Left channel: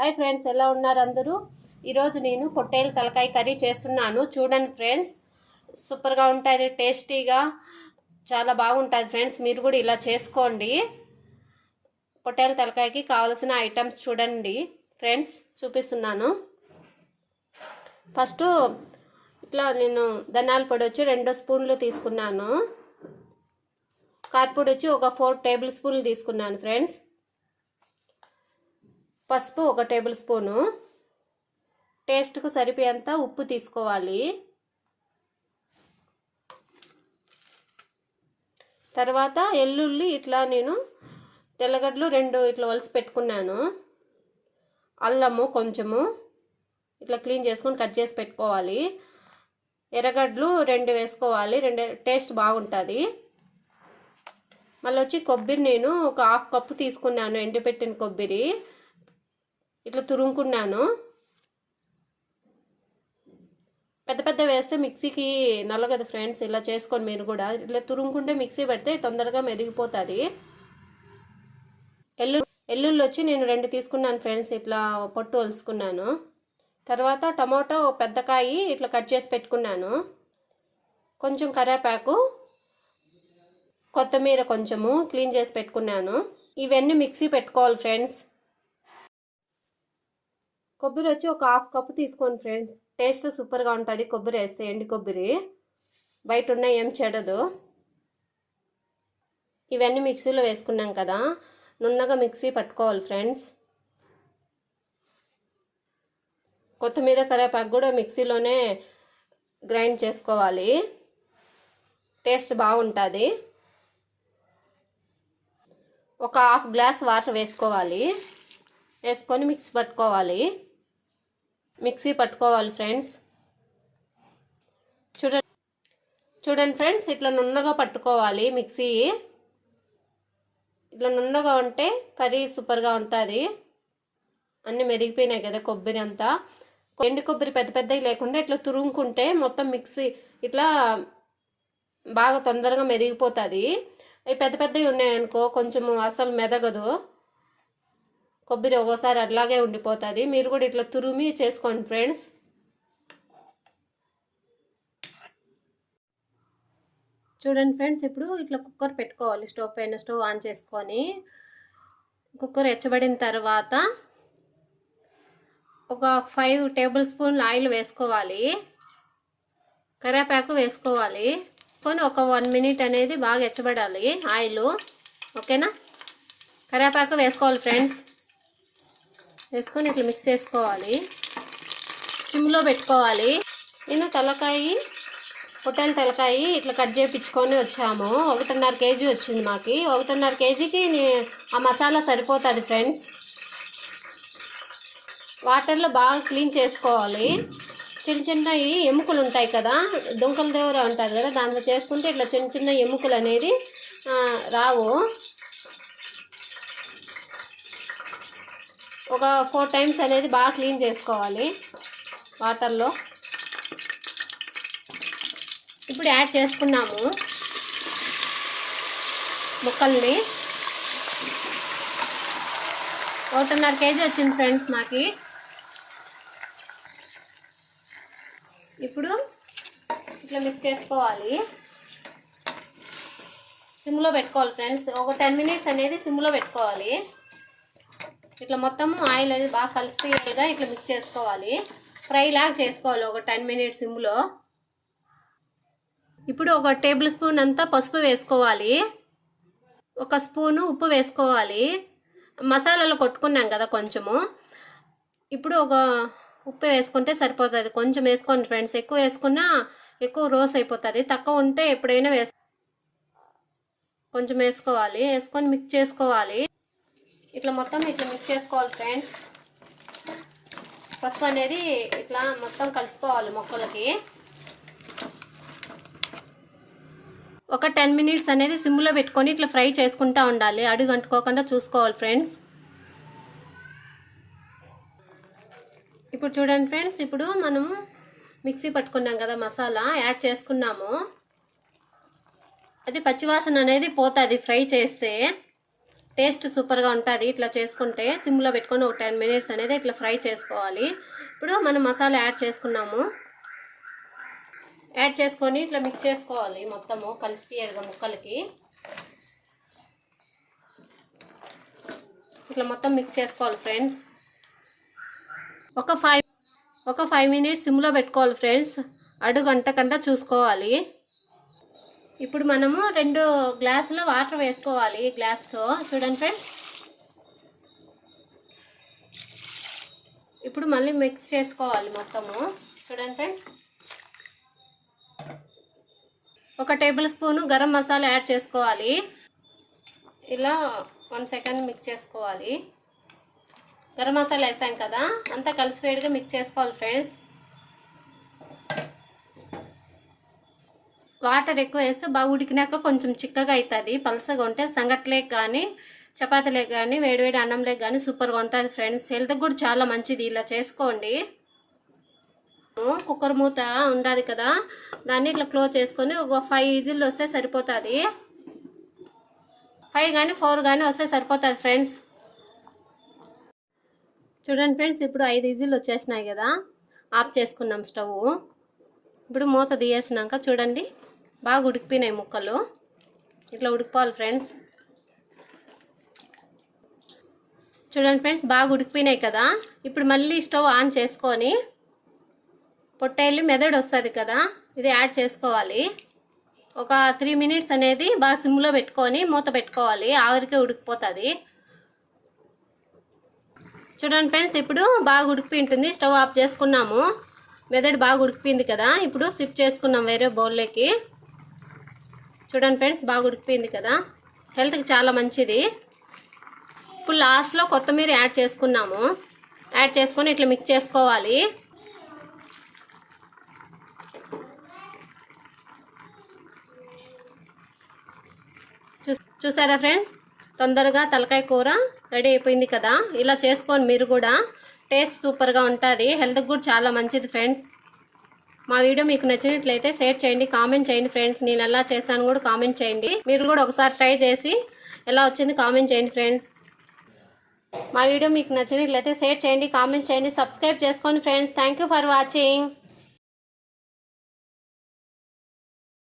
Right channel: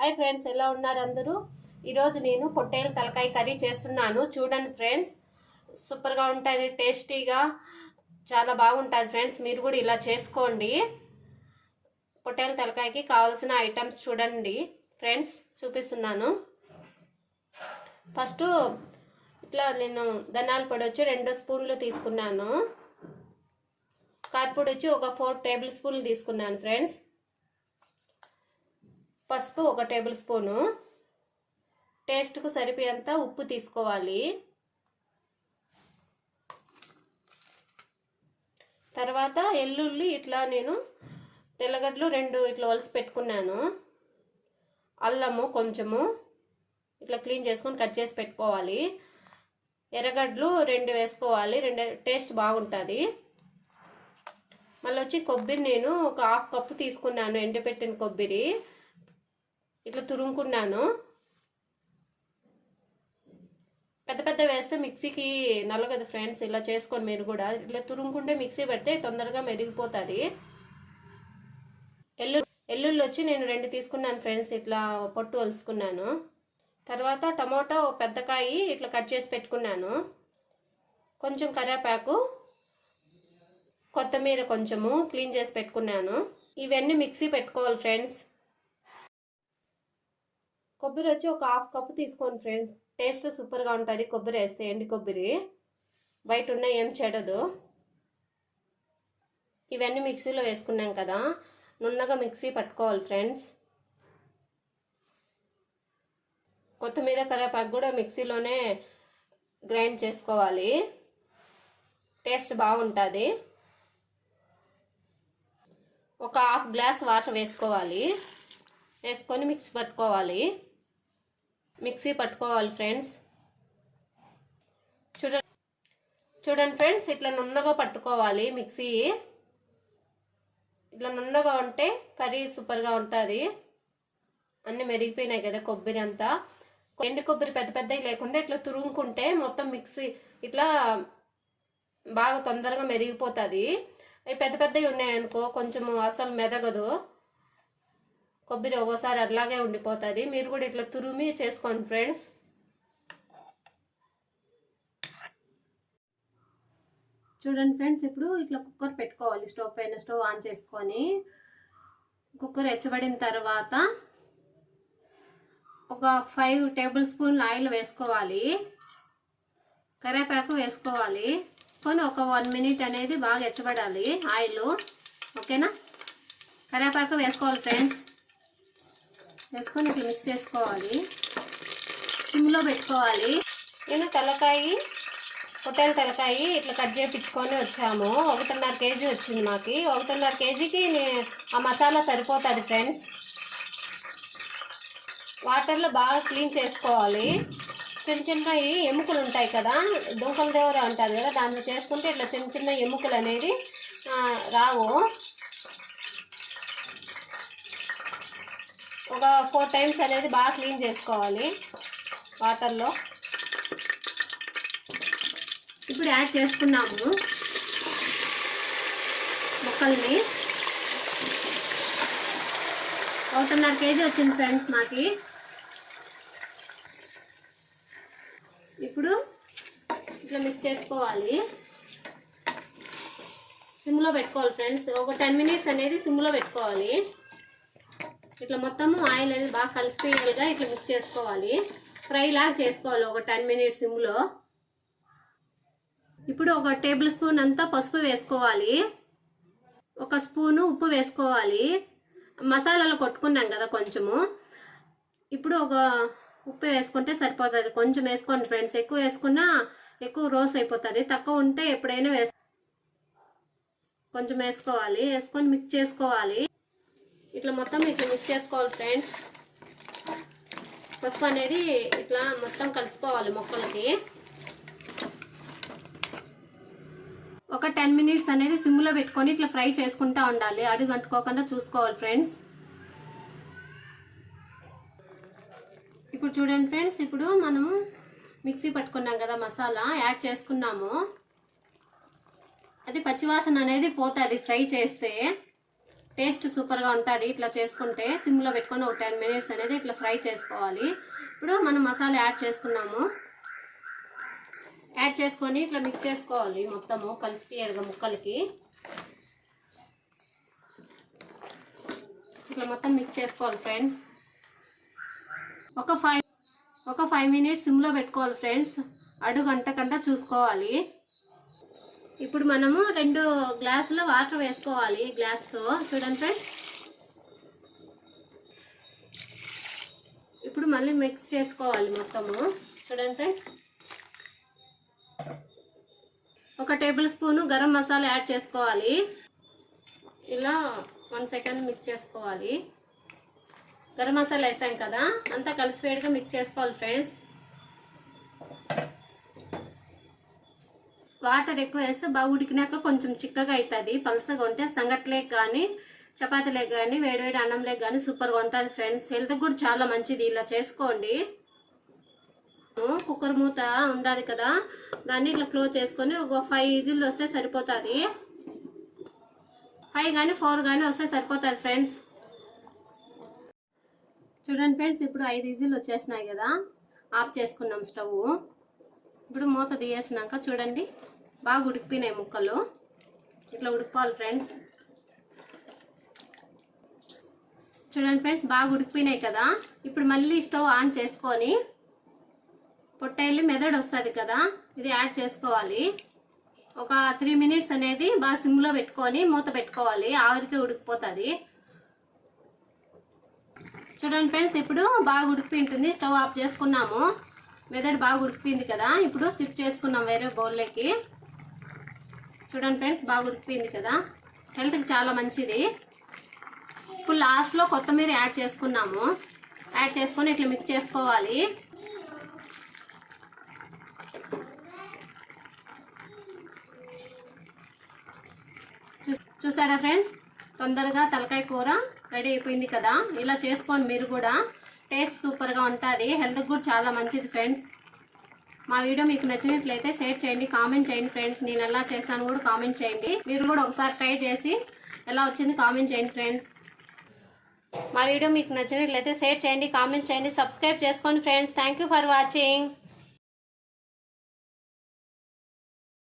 Hi friends ఎలా ఉన్నారు అందరూ? ఈరోజు నేను పొట్టేలు తలకాయ కర్రీ చేస్తున్నాను. చూడండి ఫ్రెండ్స్ సూపర్గా ఉంటుంది టేస్టీగా చాలా బాగుంటుంది ఫ్రెండ్స్. మీరు కూడా ఇలా చేసుకోండి. పొట్టేలు తలకాయకి కావాల్సిన ఐటమ్స్ చూడండి. ఫ్రెండ్స్ చూపిస్తున్నాను. ఫస్ట్ ఇట్లా నేను ధనియాల పొడి వచ్చి రెండు స్పూన్లు తీసుకున్నాను. కార్పొడి వచ్చి ఒక ఫోర్ టేబుల్ స్పూన్లు తీసుకున్నాను ఫ్రెండ్స్. పసుపు ఒక టేబుల్ స్పూను. టేస్ట్కు సరిపోయేంత ఉప్పు తీసుకోవాలి. తర్వాత ఎల్లుల్లి ఇట్లా నేను తెల్లగడ్డలు రెండు ఇట్లా వలసి పెట్టుకున్నాను. అల్లము కొంచెము ఇట్లా క్లీన్ చేసుకొని కట్ చేసి పెట్టుకోవాలి. ఎర్రగడ్డలు రెండు వేసుకోవాలి. రెండు టేస్ట్ బాగుంటుంది. మళ్ళీ వచ్చి కొబ్బరి నేను ఒక హాఫ్ కప్పు తీసుకున్నాను ఎండిపెట్టిన కొబ్బరి. ఇట్లా తురుముకున్నాను. పెద్ద పెద్ద వేస్తే మిక్సీకి నల్లగదు ఫ్రెండ్స్ ఇలా చేసుకొని మీరు కూడా. ఇట్లా తురుముకుంటే మిక్సీ పెడితే తొందరగా మెదిగిపోతుంది. ఎల్లు ఎల్లుళ్ళు వచ్చి నేను రెండు తీసుకున్నాను ఫ్రెండ్స్ ఇట్లా పొట్టు వలుసుకున్నాను తర్వాత టమాటో పెద్ద కాయ ఇట్లా కట్ చేసి పెట్టుకున్నాను. కొంచెం కరివేపాకు కొత్తిమీర కొంచెము క్లీన్ చేసి పెట్టుకున్నాను. ఇవన్నీ మిక్సీ పెట్టుకోవాలి ఫ్రెండ్స్. కొబ్బరి వచ్చి ఒక హాఫ్ కప్పు తీసుకోండి ఫ్రెండ్స్. టేస్ట్ సూపర్గా ఉంటుంది. కొబ్బరి వేస్తే ఎండి కొబ్బరి. బయట ఉన్న ఏం చెడదు. ఇవన్నీ మిక్సీలో వేసుకున్నాం కదా. నున్నగా మిక్సీ పట్టుకోవాలి ఫ్రెండ్స్. కొత్తిమీర కరివేపాకు కూడా మిక్సీలోనే గ్రైండ్ చేసుకోవాలి. టేస్ట్ బాగుంటుంది. ఒక హాఫ్ గ్లాస్ వాటర్ వేసుకోవాలి. వేసుకొని మిక్సీ పట్టుకోవాలి. మిక్సీ పట్టుకోవాలి ఫ్రెండ్స్. చూడండి. చూడండి ఫ్రెండ్స్ ఇట్లా నున్నగా పట్టుకోవాలి మిక్సీ. ఇట్లా నున్నగా ఉంటే కర్రీ సూపర్గా ఉంటుంది. అన్నీ మెదిగిపోయినాయి కదా కొబ్బరి అంతా. ఎండు కొబ్బరి పెద్ద పెద్దవి లేకుండా ఇట్లా తురుముకుంటే మొత్తం మిక్సీ ఇట్లా బాగా తొందరగా మెదిగిపోతుంది అవి పెద్ద పెద్దవి ఉన్నాయనుకో కొంచెం అసలు మెదగదు. కొబ్బరి ఒక్కోసారి అట్లాగే ఉండిపోతుంది. మీరు కూడా ఇట్లా తురిమి చేసుకోండి ఫ్రెండ్స్. చూడండి ఫ్రెండ్స్ ఇప్పుడు ఇట్లా కుక్కర్ పెట్టుకోవాలి స్టవ్ పైన స్టవ్ ఆన్ చేసుకొని. కుక్కర్ ఎచ్చబడిన తర్వాత ఒక ఫైవ్ టేబుల్ స్పూన్లు ఆయిల్ వేసుకోవాలి. కరివేపాకు వేసుకోవాలి. కొని ఒక వన్ మినిట్ అనేది బాగా ఎచ్చబడాలి ఆయిల్. ఓకేనా? కరివేపాకు వేసుకోవాలి ఫ్రెండ్స్. వేసుకొని ఇట్లా మిక్స్ చేసుకోవాలి. సిమ్లో పెట్టుకోవాలి. నేను తలకాయ పొట్టేల తలకాయ ఇట్లా కట్ చేయించుకొని వచ్చాము. ఒకటిన్నర కేజీ వచ్చింది మాకు. ఒకటిన్నర కేజీకి ఆ మసాలా సరిపోతుంది ఫ్రెండ్స్ వాటర్లో బాగా క్లీన్ చేసుకోవాలి. చిన్న చిన్నవి ఎముకలు ఉంటాయి కదా దుంకల దేవర ఉంటుంది కదా దాంట్లో చేసుకుంటే ఇట్లా చిన్న చిన్న ఎముకలు అనేది రావు. ఒక ఫోర్ టైమ్స్ అనేది బాగా క్లీన్ చేసుకోవాలి వాటర్లో. ఇప్పుడు యాడ్ చేసుకున్నాము ముక్కల్ని. ఒకటిన్నర కేజీ వచ్చింది ఫ్రెండ్స్ మాకి. ఇప్పుడు ఇట్లా మిక్స్ చేసుకోవాలి. సిమ్లో పెట్టుకోవాలి ఫ్రెండ్స్. ఒక టెన్ మినిట్స్ అనేది సిమ్లో పెట్టుకోవాలి. ఇట్లా మొత్తము ఆయిల్ అనేది బాగా కలిసిపోయేలాగా ఇట్లా మిక్స్ చేసుకోవాలి. ఫ్రై లాగా చేసుకోవాలి ఒక టెన్ మినిట్స్ సిమ్లో ఇప్పుడు ఒక టేబుల్ స్పూన్ అంతా పసుపు వేసుకోవాలి. ఒక స్పూను ఉప్పు వేసుకోవాలి. మసాలాలు కొట్టుకున్నాం కదా కొంచెము. ఇప్పుడు ఒక ఉప్పు వేసుకుంటే సరిపోతుంది. కొంచెం వేసుకోండి ఫ్రెండ్స్. ఎక్కువ వేసుకున్నా ఎక్కువ రోస్ అయిపోతుంది. తక్కువ ఉంటే ఎప్పుడైనా వేసు కొంచెం వేసుకోవాలి. వేసుకొని మిక్స్ చేసుకోవాలి. ఇట్లా మొత్తం ఇట్లా మిక్స్ చేసుకోవాలి ఫ్రెండ్స్ పసుపు అనేది ఇట్లా మొత్తం కలిసిపోవాలి మొక్కలకి. ఒక టెన్ మినిట్స్ అనేది సిమ్లో పెట్టుకొని ఇట్లా ఫ్రై చేసుకుంటా ఉండాలి. అడుగు అంటుకోకుండా చూసుకోవాలి ఫ్రెండ్స్ ఇప్పుడు చూడండి ఫ్రెండ్స్ ఇప్పుడు మనము మిక్సీ పట్టుకున్నాం కదా మసాలా యాడ్ చేసుకున్నాము. అది పచ్చివాసన అనేది పోతుంది ఫ్రై చేస్తే. టేస్ట్ సూపర్గా ఉంటుంది ఇట్లా చేసుకుంటే సిమ్లో పెట్టుకొని ఒక టెన్ మినిట్స్ అనేది ఇట్లా ఫ్రై చేసుకోవాలి. ఇప్పుడు మనం మసాలా యాడ్ చేసుకున్నాము. యాడ్ చేసుకొని ఇట్లా మిక్స్ చేసుకోవాలి మొత్తము కలిసిపోయేడుగా ముక్కలకి. ఇట్లా మొత్తం మిక్స్ చేసుకోవాలి ఫ్రెండ్స్ ఒక ఫైవ్ ఒక ఫైవ్ మినిట్స్ సిమ్లో పెట్టుకోవాలి ఫ్రెండ్స్ అడుగు గంటకంట చూసుకోవాలి. ఇప్పుడు మనము రెండు గ్లాసుల వాటర్ వేసుకోవాలి గ్లాస్తో. చూడండి ఫ్రెండ్స్. ఇప్పుడు మళ్ళీ మిక్స్ చేసుకోవాలి మొత్తము. చూడండి ఫ్రెండ్స్. ఒక table spoon garam masala add చేసుకోవాలి. ఇలా వన్ సెకండ్ మిక్స్ చేసుకోవాలి. గరం మసాలా వేసాం కదా అంతా కలిసిపోయేట్టుగా మిక్స్ చేసుకోవాలి ఫ్రెండ్స్. వాటర్ ఎక్కువ వేస్తే బాగా ఉడికినాక కొంచెం చిక్కగా అవుతుంది. పలసగా ఉంటే సంగట్లే కానీ చపాతీలే కానీ వేడివేడి అన్నంలే కానీ సూపర్గా ఉంటుంది ఫ్రెండ్స్. హెల్త్ కూడా చాలా మంచిది ఇలా చేసుకోండి. కుక్కర్ మూత ఉండదు కదా దాన్ని ఇట్లా క్లోజ్ చేసుకొని ఒక ఫైవ్ ఈజిల్ వస్తే సరిపోతుంది. ఫైవ్ కానీ ఫోర్ కానీ వస్తే సరిపోతుంది ఫ్రెండ్స్. చూడండి ఫ్రెండ్స్ ఇప్పుడు ఐదు ఈజీలు వచ్చేసినాయి కదా. ఆఫ్ చేసుకున్నాం స్టవ్. ఇప్పుడు మూత తీయేసినాక చూడండి. బాగా ఉడికిపోయినాయి ముక్కలు. ఇట్లా ఉడికిపోవాలి ఫ్రెండ్స్ చూడండి ఫ్రెండ్స్ బాగా ఉడికిపోయినాయి కదా. ఇప్పుడు మళ్ళీ స్టవ్ ఆన్ చేసుకొని పొట్టేళ్ళు మెదడు వస్తుంది కదా ఇది యాడ్ చేసుకోవాలి. ఒక త్రీ మినిట్స్ అనేది బాగా సిమ్లో పెట్టుకొని మూత పెట్టుకోవాలి ఆవిరికే ఉడికిపోతుంది. చూడండి ఫ్రెండ్స్ ఇప్పుడు బాగా ఉడికిపోయి ఉంటుంది స్టవ్ ఆఫ్ చేసుకున్నాము. మెదడు బాగా ఉడికిపోయింది కదా ఇప్పుడు స్విఫ్ట్ చేసుకున్నాం వేరే బౌల్లోకి. చూడండి ఫ్రెండ్స్ బాగా ఉడికిపోయింది కదా. హెల్త్కి చాలా మంచిది. ఇప్పుడు లాస్ట్లో కొత్తిమీర యాడ్ చేసుకున్నాము. యాడ్ చేసుకొని ఇట్లా మిక్స్ చేసుకోవాలి. చూసారా ఫ్రెండ్స్? తొందరగా తలకాయ కూర రెడీ అయిపోయింది కదా. ఇలా చేసుకోండి మీరు కూడా. టేస్ట్ సూపర్గా ఉంటుంది. హెల్త్కి కూడా చాలా మంచిది ఫ్రెండ్స్. మా వీడియో మీకు నచ్చినట్లయితే షేర్ చేయండి కామెంట్ చేయండి ఫ్రెండ్స్. నేను ఎలా చేశాను కూడా కామెంట్ చేయండి. మీరు కూడా ఒకసారి ట్రై చేసి ఎలా వచ్చింది కామెంట్ చేయండి ఫ్రెండ్స్. మా వీడియో మీకు నచ్చినట్లయితే షేర్ చేయండి కామెంట్ చేయండి సబ్స్క్రైబ్ చేసుకోండి ఫ్రెండ్స్. Thank for watching.